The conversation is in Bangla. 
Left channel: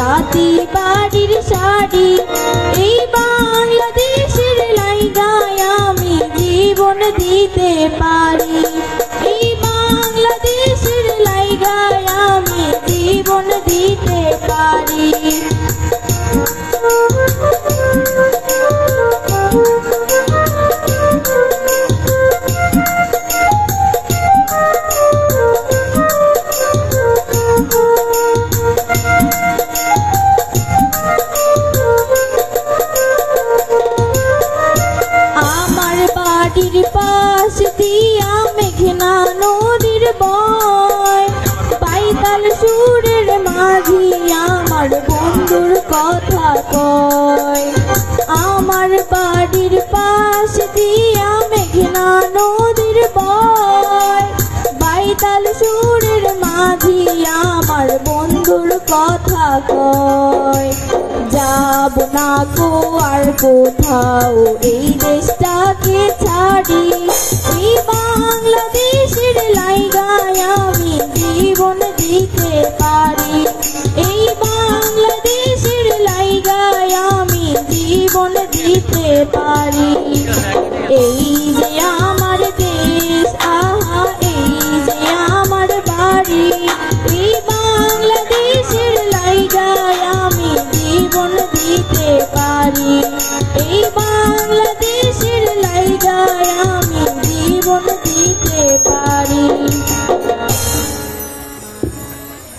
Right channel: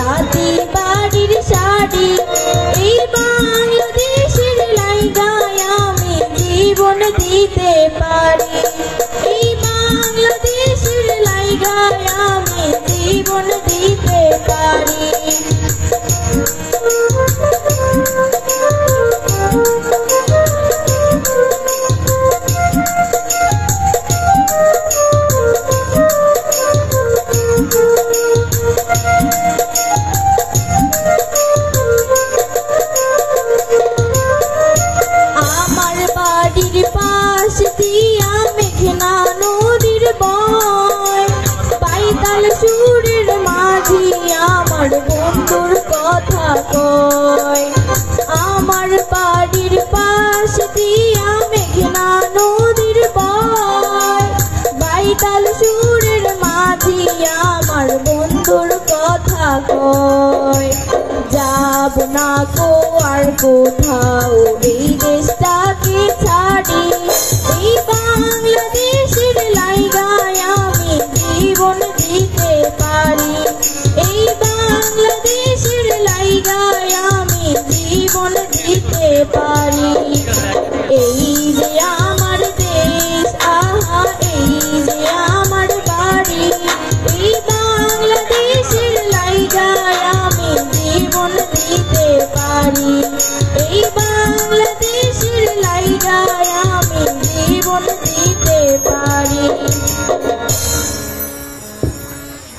তাঁতি বাড়ির শাড়ি এই বাংলাদেশের লাইগায় আমি জীবন দিতে পারি এই বাংলাদেশের লাইগায় আমি জীবন দিতে পারি আমার বাড়ির পাশ দিয়া মেঘনা নদীর বয় পাইতাল সুরের মাঝি আমার বন্ধুর কথা কয় আমার বাড়ির পাশ দিয়া মেঘনা নদীর বয় পাইতাল সুরের মাঝি আমার বন্ধুর কথা কয় যাব না গো আর কোথাও এই দেশটাকে ছাড়ি এই বাংলাদেশের লাইগায় আমি জীবন দিতে পারি এই বাংলাদেশের লাইগায় আমি জীবন দিতে পারি এই যে